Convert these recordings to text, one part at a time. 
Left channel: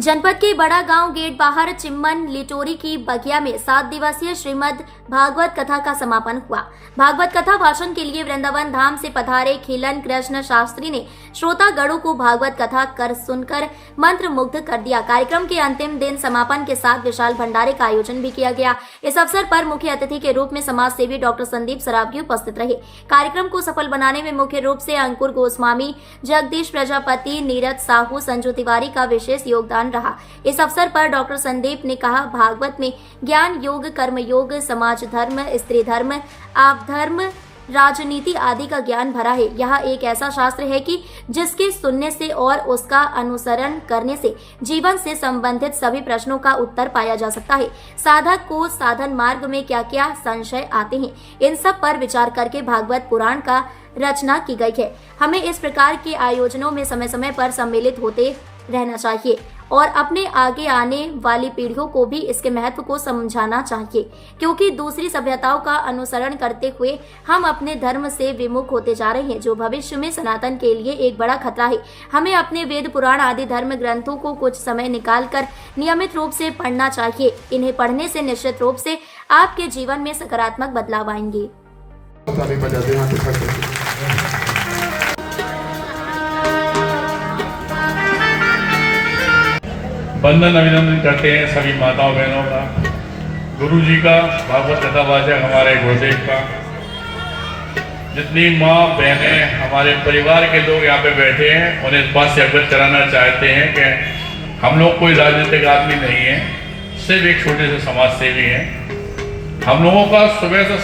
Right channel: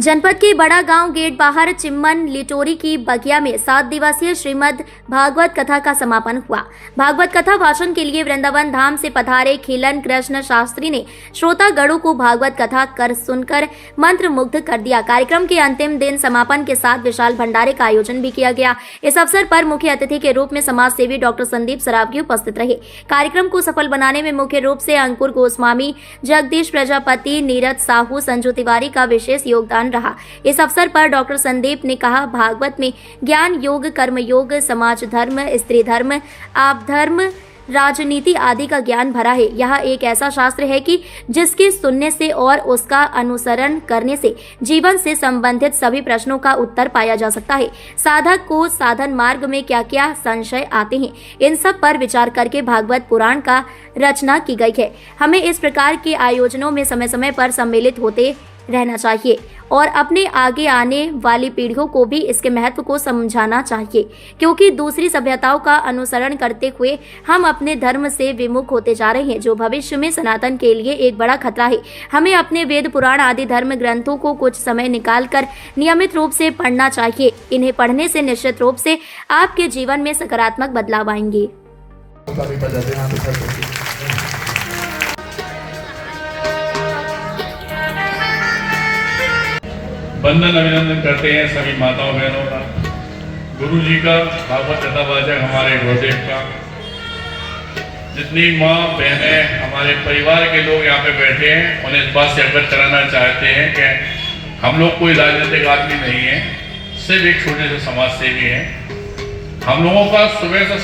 जनपद के बड़ा गांव गेट बाहर चिम्मन लिटोरी की बगिया में 7 दिवसीय श्रीमद् भागवत कथा का समापन हुआ। भागवत कथा भाषण के लिए वृंदावन धाम से पधारे खिलन कृष्ण शास्त्री ने श्रोतागणों को भागवत कथा कर सुनकर मंत्र मुग्ध कर दिया। कार्यक्रम के अंतिम दिन समापन के साथ विशाल भंडारे का आयोजन भी किया गया। इस अवसर पर मुख्य अतिथि के रूप में समाज सेवी डॉक्टर संदीप सरावगी उपस्थित रहे। कार्यक्रम को सफल बनाने में मुख्य रूप से अंकुर गोस्वामी, जगदीश प्रजापति, नीरज साहू, संजू तिवारी का विशेष योगदान रहा। इस अवसर पर डॉक्टर संदीप ने कहा, भागवत में ज्ञान योग, कर्म योग, समाज धर्म, स्त्री धर्म, आप धर्म, राजनीति आदि का ज्ञान भरा है। यह एक ऐसा शास्त्र है कि जिसके सुनने से और उसका अनुसरण करने से जीवन से संबंधित सभी प्रश्नों का उत्तर पाया जा सकता है। साधक को साधन मार्ग में क्या क्या संशय आते हैं, इन सब पर विचार करके भागवत पुराण का रचना की गई है। हमें इस प्रकार के आयोजनों में समय समय पर सम्मिलित होते रहना चाहिए और अपने आगे आने वाली पीढ़ियों को भी इसके महत्व को समझाना चाहिए, क्योंकि दूसरी सभ्यताओं का अनुसरण करते हुए हम अपने धर्म से विमुख होते जा रहे हैं, जो भविष्य में सनातन के लिए एक बड़ा खतरा है। हमें अपने वेद पुराण आदि धर्म ग्रंथों को कुछ समय निकालकर नियमित रूप से पढ़ना चाहिए। इन्हें पढ़ने से निश्चित रूप से आपके जीवन में सकारात्मक बदलाव आएंगे। वंदन अभिनंदन करते हैं सभी माताओं बहनों का, गुरु जी का, भागवत कथा वाचक हमारे गुरुदेव का, जितनी माँ बहनें हमारे परिवार के लोग यहाँ पे बैठे हैं, उन्हें इस बात से अवगत कराना चाहते हैं कि हम लोग कोई राजनीतिक आदमी नहीं है, सिर्फ एक छोटे से समाज सेवी हैं। हम लोगों का सुबह से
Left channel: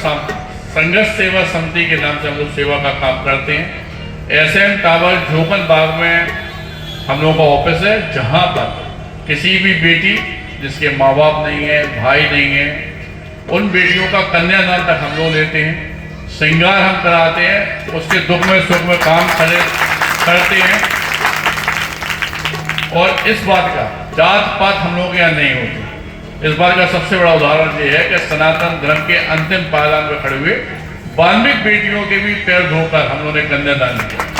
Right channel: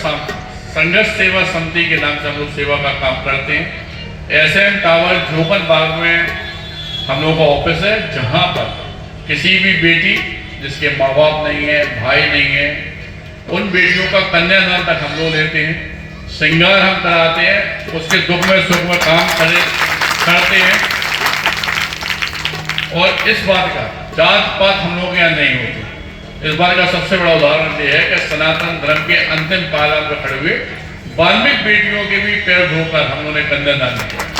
संघर्ष सेवा समिति के नाम से हम लोग सेवा का काम करते हैं। एसएन टावर झोपन बाग में हम लोगों का ऑफिस है, जहाँ पर किसी भी बेटी जिसके माँ बाप नहीं है, भाई नहीं है, उन बेटियों का कन्यादान तक हम लोग लेते हैं, श्रृंगार हम कराते हैं, उसके दुख में सुख में काम करते हैं। और इस बात का जात पात हम लोग यहाँ नहीं होते। इस बात का सबसे बड़ा उदाहरण ये है कि सनातन धर्म के अंतिम पायदान पर खड़े हुए वाल्मीकि बेटियों के भी पैर धोकर हम लोगों ने कन्यादान किया।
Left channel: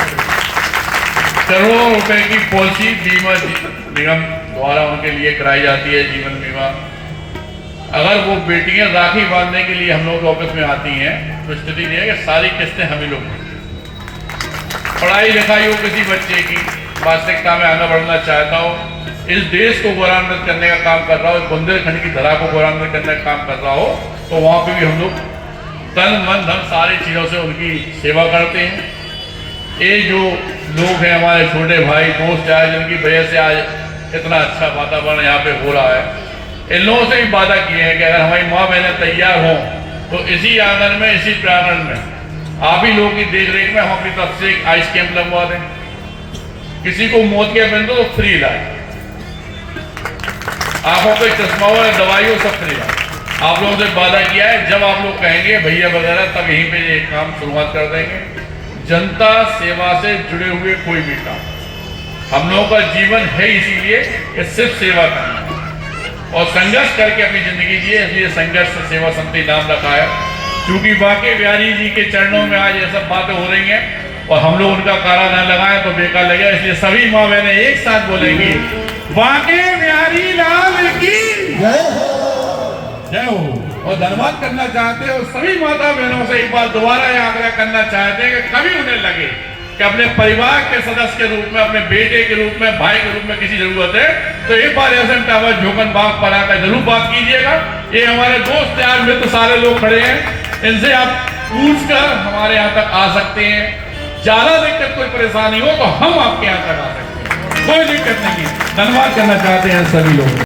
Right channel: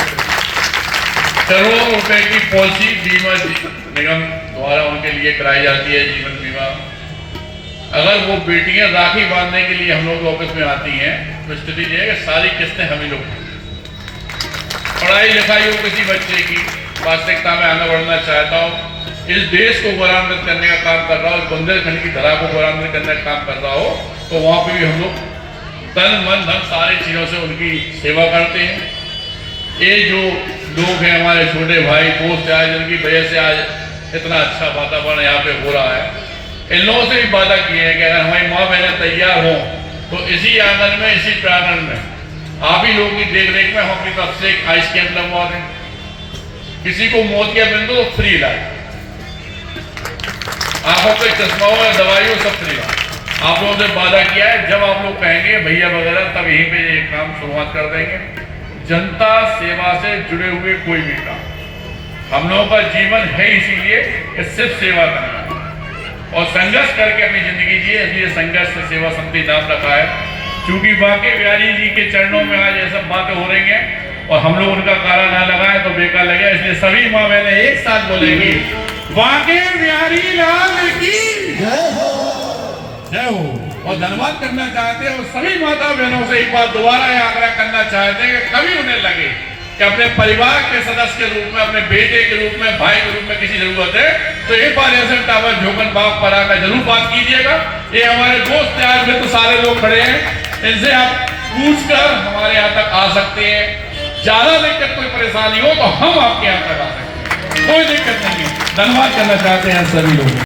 करोड़ों रुपए की पॉलिसी बीमा निगम द्वारा उनके लिए कराई जाती है, जीवन बीमा। अगर वो बेटियां राखी बांधने के लिए हम लोग के ऑफिस में आती हैं तो स्थिति ये है कि सारी किस्तें हम ही लोग, पढ़ाई लिखाई हो किसी बच्चे की, वास्तविकता में आगे बढ़ना चाहता हो, इस देश को गौरवान्वित करने का काम कर रहा हो, इस बुंदेलखंड की धरा को गौरवान्वित करने का काम कर रहा हो, तो वहां पे भी हम लोग तन मन धन सारी चीजों से उनकी सेवा करते हैं। ये जो लोग हैं हमारे छोटे भाई दोस्त आए, जिनकी वजह से आज इतना अच्छा वातावरण यहाँ पे हो रहा है, इन लोगों से भी वादा किए हैं कि अगर हमारी माँ बहनें तैयार हों तो इसी आंगन में, इसी प्रांगण में आप ही लोगों की देख रेख में हम अपनी तरफ से एक आइस कैंप लगवा दें। किसी को मोतियाबिंद तो फ्री इलाज, आंखों पे चश्मा हो या दवाई हो, सब फ्री इलाज आप लोगों से वादा किया है। जब आप लोग कहेंगे भैया वगैरह, तब यहीं पे ये काम शुरुआत कर देंगे। जनता सेवा से जुड़े हुए कोई भी काम, हम लोगों का जीवन है इसीलिए कि सिर्फ सेवा करना और संघर्ष करके अपनी जिंदगी जिए, इसलिए संघर्ष सेवा समिति नाम रखा है। क्योंकि बांके बिहारी जी के चरणों में आज ये सब बातें हो रही हैं और हम लोग उनका कारा न लगाए तो बेकार लगेगा, इसलिए सभी माँ बहनें एक साथ बोलेंगी, बांके बिहारी लाल की जय हो। और धन्यवाद करना चाहते हैं और सभी माता बहनों से एक बार दोबारा यह आग्रह करना चाहते हैं कि कभी उन्हें लगे कि अपने परिवार के सदस्य के रूप में, अपने बेटे के रूप में, भाई के रूप में किसी जरूरत है तो एक बार एसएन टावर झोपन बाग पर आकर जरूर बात कीजिएगा। ये हमारे दोस्त यार मित्र सारे लोग खड़े हैं, इनसे आप पूछकर हमारे यहाँ तक आ सकते हैं। ज्यादा दिक्कत कोई परेशानी हो तो हम आपके यहाँ तक आ सकते हैं, कोई दिक्कत नहीं है। धन्यवाद करना चाहते हैं सभी लोग।